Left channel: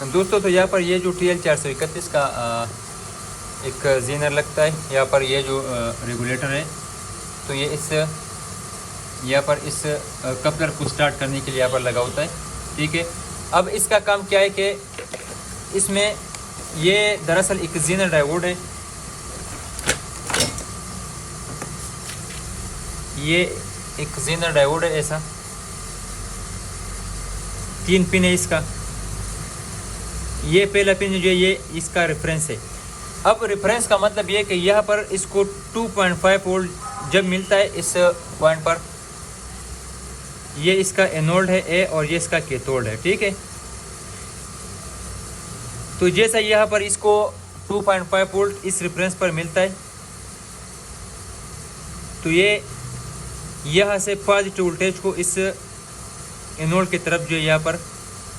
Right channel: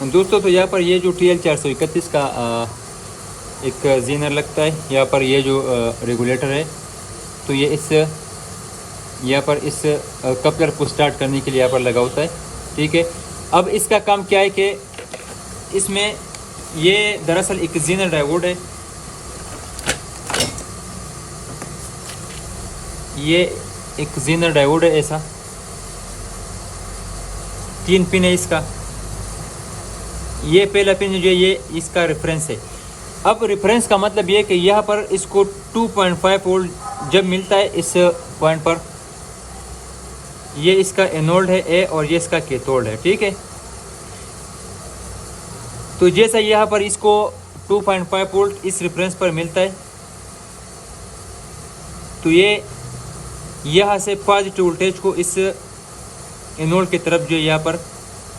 दोस्तों तो यहाँ पर ये जो TL431 का एक जीनर लगता है, यहाँ पर ये जो रेगुलेटर है, तो ये इस यहाँ पर इस कपलर को स्टार्ट करने के लिए यहाँ पर लगा होता है। ठीक है, अब इसका काम क्या है कि इसमें ये दरअसल एक जीनर डायोड है, ये एक जीनर डायोड है, ऐसा 3 पिन है इसका। ये पहला पिन जो है ये इसका रेफरेंस है। अब रेफरेंस का मतलब ये कि यहाँ पर इसको 2.5 वोल्ट जब मिलता है इस पॉइंट पर, ये इसका एनोड है ए और ये इसका कैथोड है। ठीक है, तो जैसा यहाँ पर इसको 2.5 वोल्ट इस रेफरेंस पर मिलता है, तो ये यहाँ से पॉजिटिव वोल्टेज को इस एनोड की तरफ जो यहाँ पर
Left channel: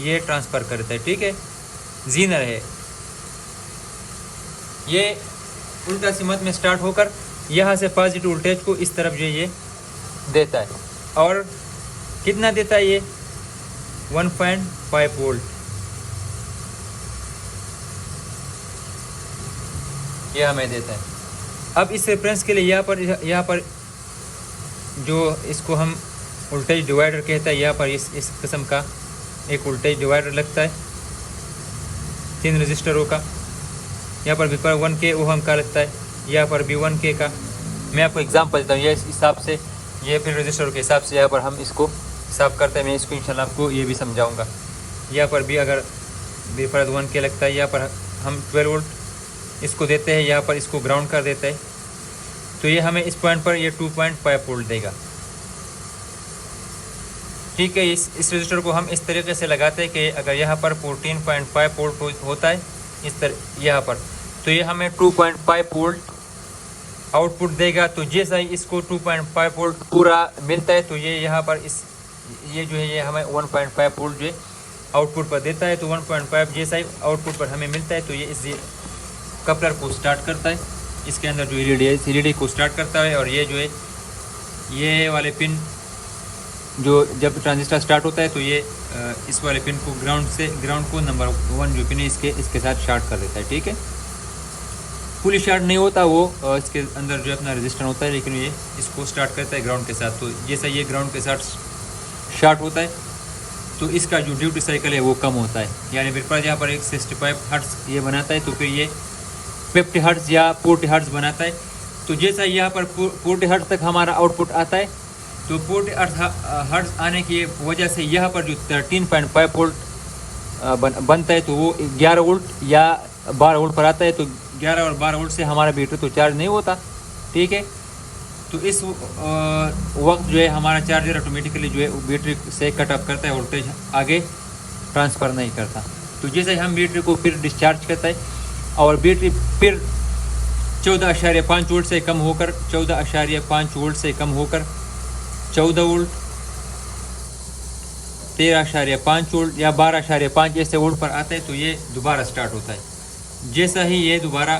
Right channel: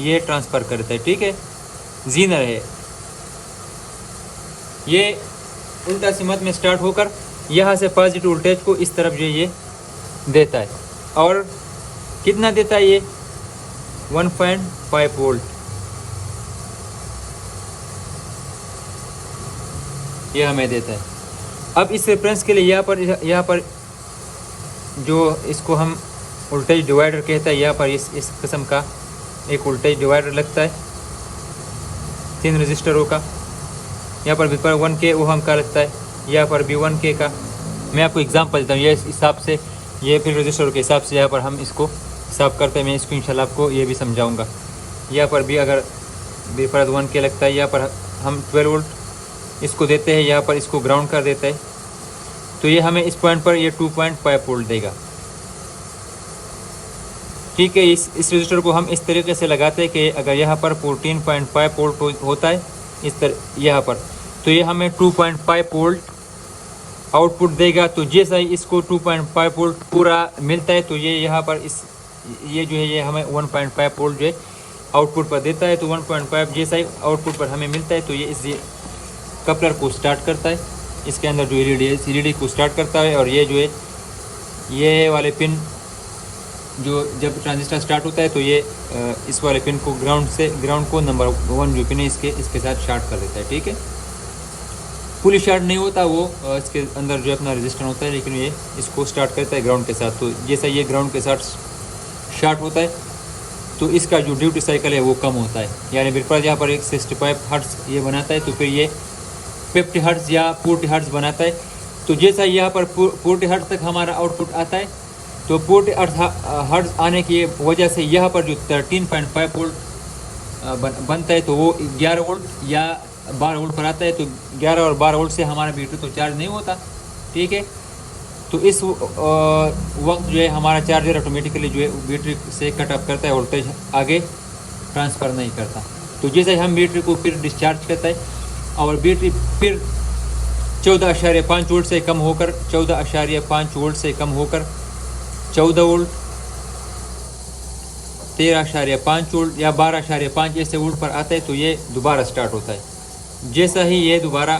ये ट्रांसफ़र करता है। ठीक है, जीनर है ये उल्टा सिमत में स्टार्ट होकर यहाँ से पॉजिटिव वोल्टेज को इस तरफ जो ये देता है, और कितना देता है ये 1.5 वोल्ट ये हमें देता है। अब इस रेफरेंस के लिए यहाँ पर जो इसको हम वोल्टेज डिवाइडर कहता है, यहाँ पर इस किस्म का एक वोल्टेज डिवाइडर लगता है 3 रजिस्टरों का। यहाँ पर भी पर 1K ओहम का लगता है, यहाँ पर भी 1K का। मैं आपको एग्जांपल देता हूँ, ये इस हिसाब से ये फिर रजिस्टर के हिसाब से यहाँ पर हम इसको हिसाब करते हैं। मैं इसको इंशाल्लाह आपको ये भी समझाऊंगा। यहाँ पर भी अगर बेफर्ज 1K लगता है, यहाँ पर हम 12 वोल्ट इसको देते हैं, यहाँ पर इसको ग्राउंड कर देता है, तो ये हमें इस पॉइंट पर ये 2.5 वोल्ट देगा। ठीक है, इस रजिस्टर को हम इस तरीके से लगाते हैं कि अगर यहाँ पर 14.5 वोल्ट होता है इस तरह यहाँ पर, तो ये हमें 2.5 वोल्ट आउटपुट देगा। तो जैसा ही इसको 2.5 वोल्ट पूरा मिलता है, तो ये यहाँ पर ये जो है ये हमें 1.5 वोल्ट जो है आउटपुट पर देता है। तो 1.5 जैसा ही आउटपुट पर हमें मिलता है, तो ये इस कपलर को स्टार्ट करता है, इसके अंदर जो एलईडी है इस एलईडी को स्टार्ट करता है। और ये जो है ये वाले पिन जो जब ट्रांजिस्टर स्टार्ट होता है, तो ये इस वाले पिन को ग्राउंड को नंबर 1 जो पिन है इसके साथ शार्ट कर देता है। ठीक है, फुली शार्ट नहीं होता वो, इसके अंदर जो अपना रजिस्टर होता है, लेकिन ये इसको स्टार्ट करता है ग्राउंड के साथ। तो जैसा ये ग्राउंड के साथ शार्ट होता है, तो इसका जो ड्यूटी साइकिल है वो कम होता है, यानी बिल्कुल यहाँ पर एक 65 हर्ट्ज ये बनाता है, तो फिर ये 50 हर्ट्ज या 40 हर्ट्ज बनाता है। तो जैसा यहाँ पर 40 हर्ट्ज तक हमारा आउटपुट आता है, तो 40 हर्ट्ज आने की वजह से यहाँ पर जो 13.5 वोल्ट बनता है, तो वो 11 वोल्ट या 12 वोल्ट पर आता है। तो 11 और 12 वोल्ट से हमारा बैटरी तो चार्ज नहीं होता। ठीक है, तो इस वक्त जो है हमारा चार्जर ऑटोमेटिकली जो है बैटरी से कट ऑफ करता है, वोल्टेज आगे ट्रांसफ़र नहीं करता। तो जैसे हम बैटरी को फिर डिस्चार्ज करता है और बैटरी फिर 14.5 वोल्ट से कम होकर 14.5 वोल्ट से कम होकर 14 वोल्ट, 13.5 वोल्ट या 12.5 ऐसे वोल्ट पर आता है, तो ये दोबारा स्टार्ट होता है। जैसा ही ये दोबारा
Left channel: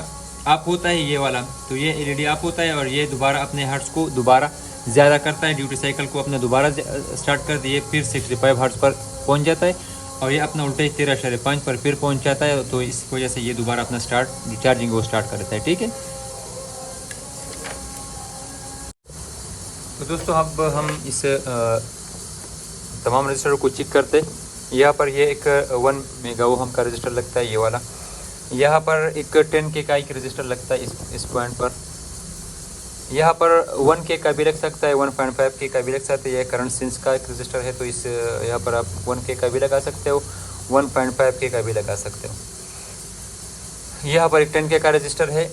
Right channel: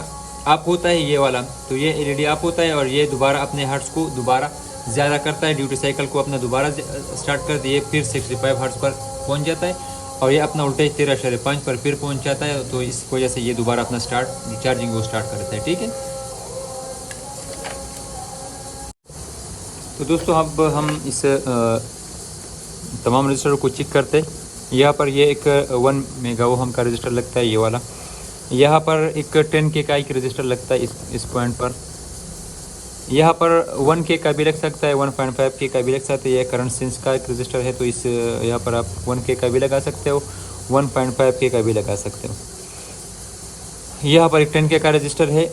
अप होता है ये वाला, तो ये एलईडी अप होता है और ये दोबारा अपने हर्ट्ज को दोबारा ज़्यादा करता है, ड्यूटी साइकिल को अपने दोबारा स्टार्ट कर दिए, फिर 65 हर्ट्ज पर पहुंच जाता है और ये अपना वोल्टेज 13.5 पर फिर पहुंच जाता है। तो इस वजह से ये दोबारा अपना चार्जिंग को स्टार्ट करता है। ठीक है, तो दोस्तों अब हम इस तमाम रजिस्टर को चेक करते हैं। यहाँ पर ये एक 1 मेगा ओम का रजिस्टर लगता है ये वाला, यहाँ पर एक 10K का एक रजिस्टर लगता है इस पॉइंट पर, यहाँ पर 1K का भी लग सकता है, 1.5K का भी लग सकता है। यह करंट सेंस का एक रजिस्टर है, तो इस यहाँ पर आप 1K का भी लगा सकते हो, 1.5K का भी लगा सकते हो। यहाँ पर एक 10K का रजिस्टर है,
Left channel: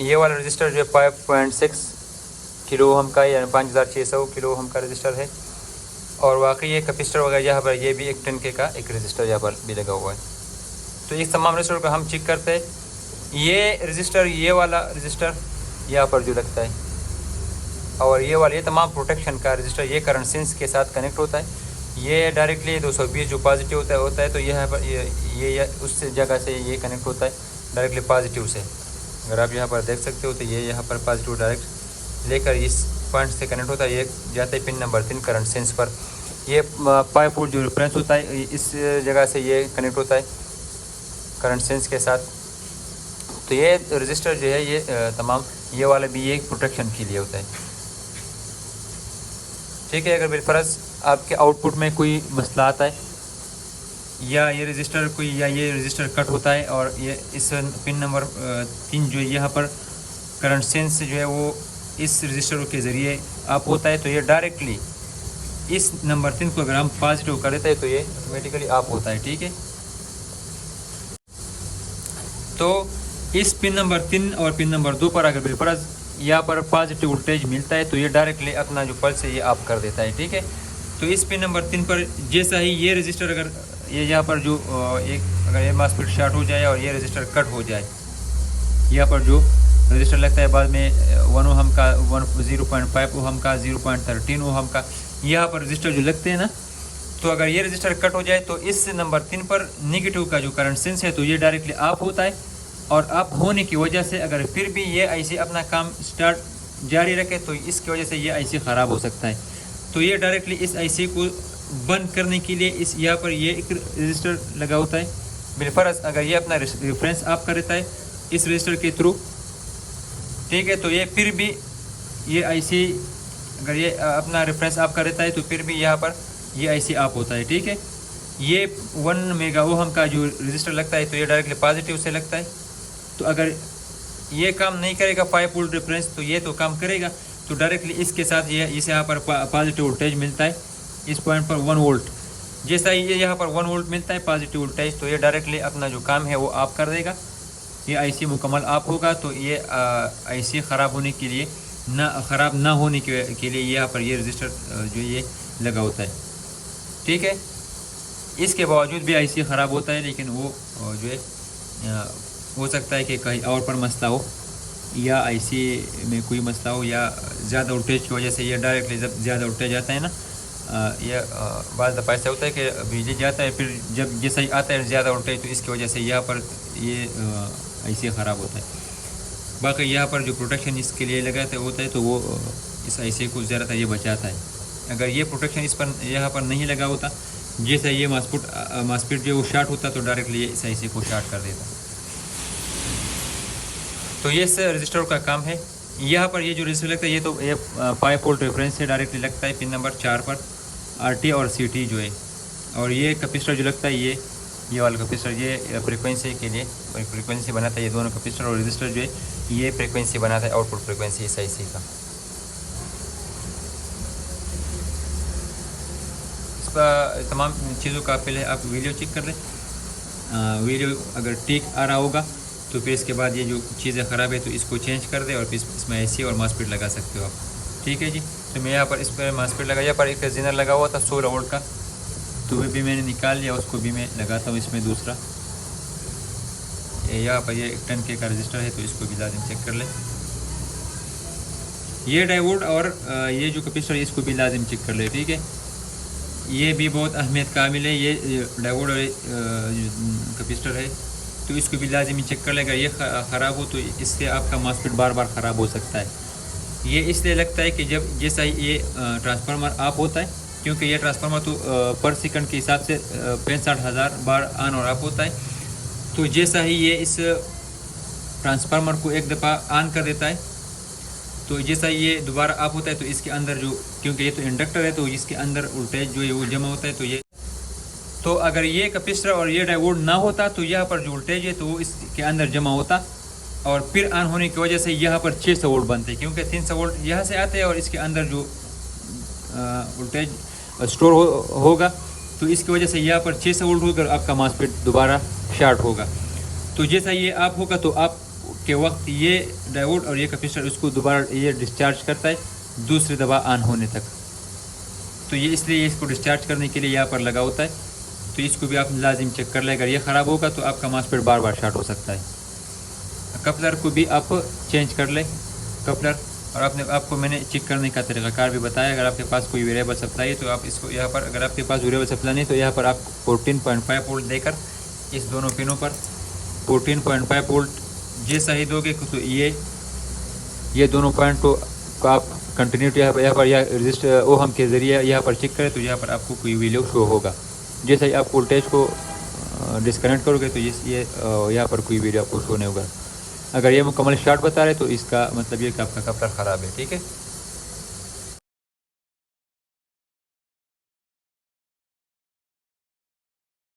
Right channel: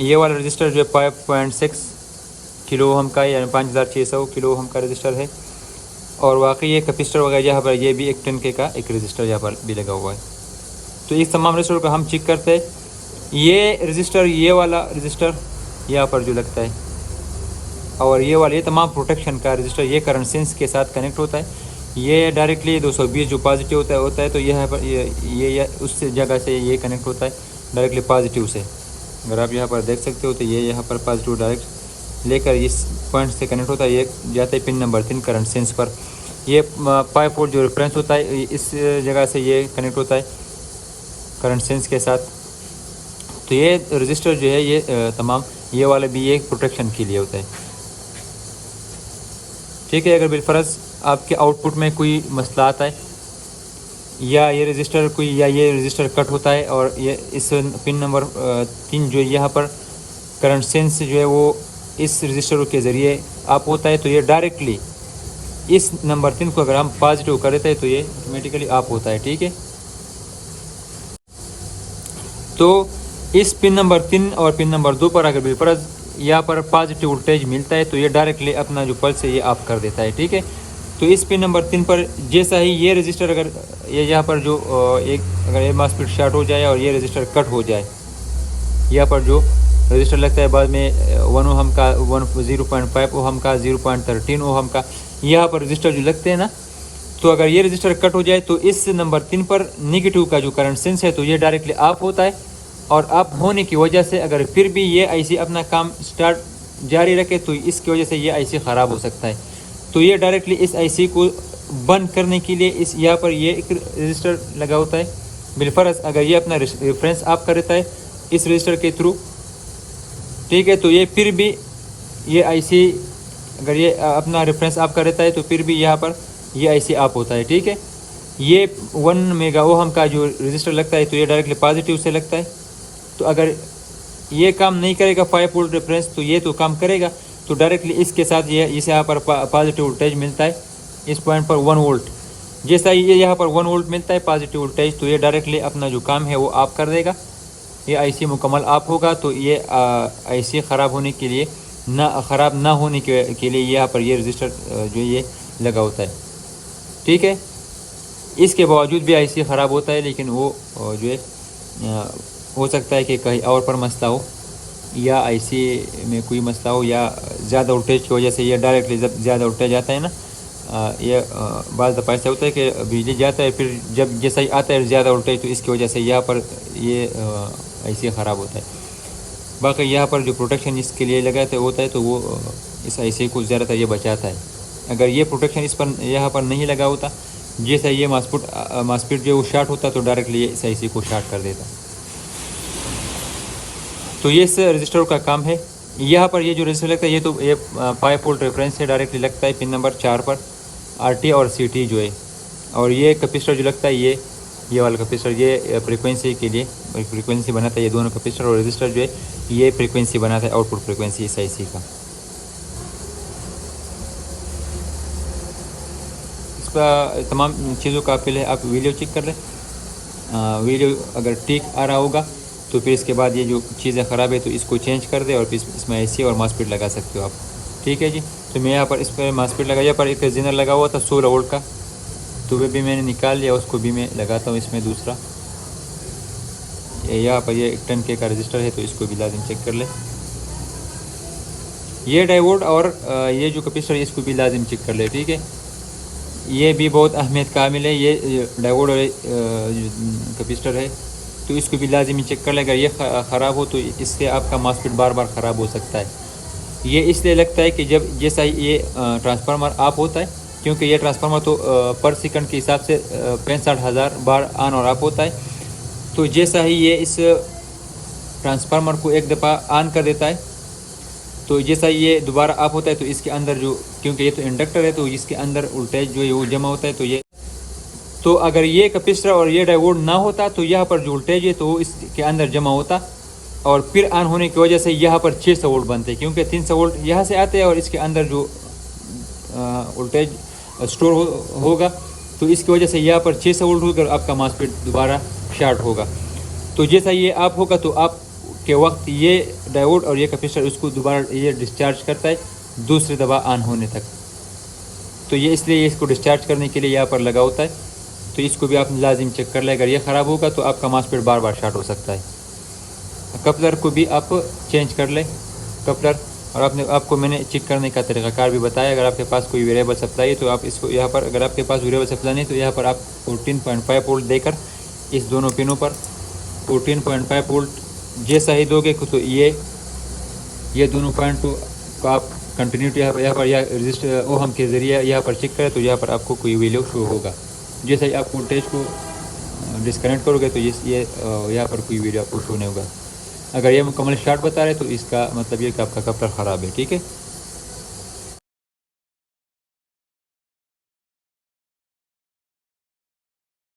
ये वाला रजिस्टर जो 5.6 किलो ओम का यानी 5600 किलो ओम का रजिस्टर है। और वाकई ये कैपेसिटर वगैरह यहाँ पर ये भी एक 10K का एक रजिस्टर यहाँ पर भी लगा हुआ है। तो इस तमाम रजिस्टर को हम चेक करते हैं। ये रजिस्टर ये वाला रजिस्टर यहाँ पर भी लगता है, और ये वाला ये तमाम प्रोटेक्शन का रजिस्टर ये करंट सेंस के साथ कनेक्ट होता है। ये डायरेक्टली 220 जो पॉजिटिव होता है तो यहाँ पर ये उस जगह से ये कनेक्ट होता है डायरेक्टली पॉजिटिव से। अगर आप यहाँ पर देख सकते हो तो ये यहाँ पर पॉजिटिव डायरेक्ट लेकर इस पॉइंट से कनेक्ट होता है, ये जाता है पिन नंबर 3 करंट सेंस पर। ये 5 वोल्ट जो रेफरेंस होता है इस जगह से ये कनेक्ट होता है करंट सेंस के साथ। तो ये रजिस्टर जो है ये तमाम ये वाले भी एक प्रोटेक्शन के लिए होता है। ठीक है, अगर बिलफर्ज आपके आउटपुट में कोई मसला आता है या ये रजिस्टर कोई या ये रजिस्टर कट होता है और ये इस पिन नंबर 3 जो है यहाँ पर करंट सेंस जो है वो इस रजिस्टर के ज़रिए आप होता है, तो ये डायरेक्टली इस नंबर 3 को अगर हम पॉजिटिव कर देते हैं तो ये ऑटोमेटिकली आप होता है। ठीक है, तो इस पिन नंबर 3 और पिन नंबर 2 पर अगर बिलफर्ज यहाँ पर पॉजिटिव वोल्टेज मिलता है तो ये डायरेक्टली अपना जो पल्स है ये ऑफ कर देता है। ठीक है, तो इस पिन नंबर 3 पर जैसा ही ये रजिस्टर अगर ये यहाँ पर जो एक अगर ये मॉस्फेट शॉर्ट हो जाए और ये रजिस्टर कट हो जाए, यहाँ पर जो रजिस्टर लगता है बाद में 1 ओहम का 0.5 ओहम का 0.13 ओहम का यहाँ पर रजिस्टर जो लगते हैं ना, तो अगर ये रजिस्टर कट हो जाए तो इस नंबर 3 पर नेगेटिव का जो करंट सेंस है तो ये डायरेक्टली ऑफ होता है। और ऑफ होने की वजह से अगर फिर भी ये आईसी अपना काम स्टार्ट जारी रखे तो इसकी वजह से ये आईसी ख़राब हो सकता है। तो ये डायरेक्टली इस आईसी को बंद करने के लिए इस यहाँ पर ये एक रजिस्टर लगा होता है। बिलफर्ज अगर ये अपना रेफरेंस ऑफ कर देता है इस रजिस्टर के थ्रू, ठीक है, तो ये फिर भी ये आईसी अगर ये अपना रेफरेंस ऑफ कर देता है तो फिर भी यहाँ पर ये आईसी ऑफ होता है। ठीक है, ये 1 मेगा ओहम का जो रजिस्टर लगता है तो ये डायरेक्टली पॉजिटिव से लगता है। तो अगर ये काम नहीं करेगा 5 वोल्ट रेफरेंस तो ये तो काम करेगा, तो डायरेक्टली इसके साथ ये इसे यहाँ पर पॉजिटिव वोल्टेज मिलता है इस पॉइंट पर 1 वोल्ट। जैसा ही ये यहाँ पर 1 वोल्ट मिलता है पॉजिटिव वोल्टेज तो ये डायरेक्टली अपना जो काम है वो ऑफ कर देगा, ये आईसी मुकम्मल ऑफ होगा। तो ये आईसी ख़राब होने के लिए ख़राब ना होने के लिए यहाँ पर ये रजिस्टर जो ये लगा होता है। ठीक है, इसके बावजूद भी आईसी ख़राब होता है, लेकिन वो जो है हो सकता है कि कहीं और पर मसला हो या आईसी में कोई मसला हो या ज़्यादा वोल्टेज की वजह से ये डायरेक्टली जब ज़्यादा वोल्टेज आता है ना, ये बाज़ दफ़ा ऐसा होता है कि बिजली जाता है फिर जब जैसा ही आता है ज़्यादा वोल्टेज तो इसकी वजह से यहाँ पर ये आईसी ख़राब होता है। बाकी यहाँ पर जो प्रोटेक्शन इसके लिए लगाते होता है तो वो इस आईसी को ज़्यादातर ये बचाता है। अगर ये प्रोटेक्शन इस पर यहाँ पर नहीं लगा होता, जैसा ये मॉस्फेट जो वो शॉर्ट होता तो डायरेक्टली इस आईसी को शॉर्ट कर देता। तो ये इस रजिस्टर का काम है। यहाँ पर ये जो रजिस्टर लगता है ये तो ये 5 वोल्ट रेफरेंस से डायरेक्टली लगता है पिन नंबर 4 पर आरटी और सीटी जो है, और ये कैपेसिटर जो लगता है ये वाला कैपेसिटर ये फ्रीक्वेंसी के लिए फ्रीक्वेंसी बनाता है। ये दोनों कैपेसिटर और रजिस्टर जो है ये फ्रीक्वेंसी बनाता है, आउटपुट फ्रीक्वेंसी इस आईसी का। इसका तमाम चीज़ों का पहले आप वीडियो चेक कर लें, वीडियो अगर ठीक आ रहा होगा तो फिर इसके बाद ये जो चीज़ें ख़राब है तो इसको चेंज कर दे और फिर इसमें आईसी और मॉस्फेट लगा सकते हो आप। ठीक है जी, तो मैं यहाँ पर इस पर मॉस्फेट लगाया, यहाँ पर एक जेनर लगा हुआ था 16 वोल्ट का, तो वे भी मैंने निकाल लिया, उसको भी मैं लगाता हूँ इसमें दूसरा। यहाँ पर ये 10K का रजिस्टर है तो इसको भी लाजिम चेक कर ले। ये डायोड और ये जो कैपेसिटर है इसको भी लाजिम चेक कर ले। ठीक है, ये भी बहुत अहमियत कामिल है, ये डायोड और कैपेसिटर है तो इसको भी लाजिमी चेक कर ले। अगर ये ख़राब हो तो इससे आपका मॉस्फेट बार बार ख़राब हो सकता है। ये इसलिए लगता है कि जब जैसा ही ये ट्रांसफार्मर ऑफ होता है, क्योंकि ये ट्रांसफार्मर तो पर सेकंड के हिसाब से 65,000 बार ऑन और ऑफ होता है। तो जैसा ही ये इस ट्रांसफार्मर को एक दफ़ा ऑन कर देता है तो जैसा ये दोबारा ऑफ होता है तो इसके अंदर जो, क्योंकि ये तो इंडक्टर है तो इसके अंदर वोल्टेज जो है वो जमा होता है। तो अगर ये कैपेसिटर और ये डायोड ना होता तो यहाँ पर जो वोल्टेज है तो वो इसके अंदर जमा होता और फिर ऑन होने की वजह से यहाँ पर 600 वोल्ट बनते, क्योंकि 300 वोल्ट यहाँ से आते हैं और इसके अंदर जो वोल्टेज स्टोर होगा तो इसकी वजह से यहाँ पर 600 वोल्ट होकर आपका मॉस्फेट दोबारा शॉर्ट होगा। तो जैसा ये आप होगा तो आप के वक्त ये डायोड और ये कैपेसिटर इसको दोबारा ये डिस्चार्ज करता है दूसरी दफ़ा ऑन होने तक। तो ये इसलिए इसको डिस्चार्ज करने के लिए यहाँ पर लगा होता है। तो इसको भी आप लाजिम चेक कर लें, अगर ये ख़राब होगा तो आपका मॉस्फेट बार बार शॉर्ट हो सकता है। कपलर को भी आप चेंज कर लें, कपलर, और आपको मैंने चेक करने का तरीक़ाकार भी बताया। अगर आपके पास कोई वेरिएबल सप्लाई है तो आप इसको यहाँ पर, अगर आपके पास वेरिएबल सप्लाई नहीं तो यहाँ पर आप 14.5 वोल्ट देकर इस दोनों पिनों पर 14.5 वोल्ट जैसा ही दोगे तो ये दोनों पॉइंट को आप कंटिन्यूटी यहाँ पर या रजिस्टर ओहम के ज़रिए यहाँ पर चेक करें तो यहाँ पर आपको कोई वैल्यू शो होगा। जैसे ही आप वोल्टेज को डिस्कनेक्ट करोगे तो ये यहाँ पर कोई वीडियो आपको शो नहीं होगा। अगर ये मुकम्मल स्टार्ट बता रहे तो इसका मतलब ये कि आपका कपलर ख़राब है, ठीक है।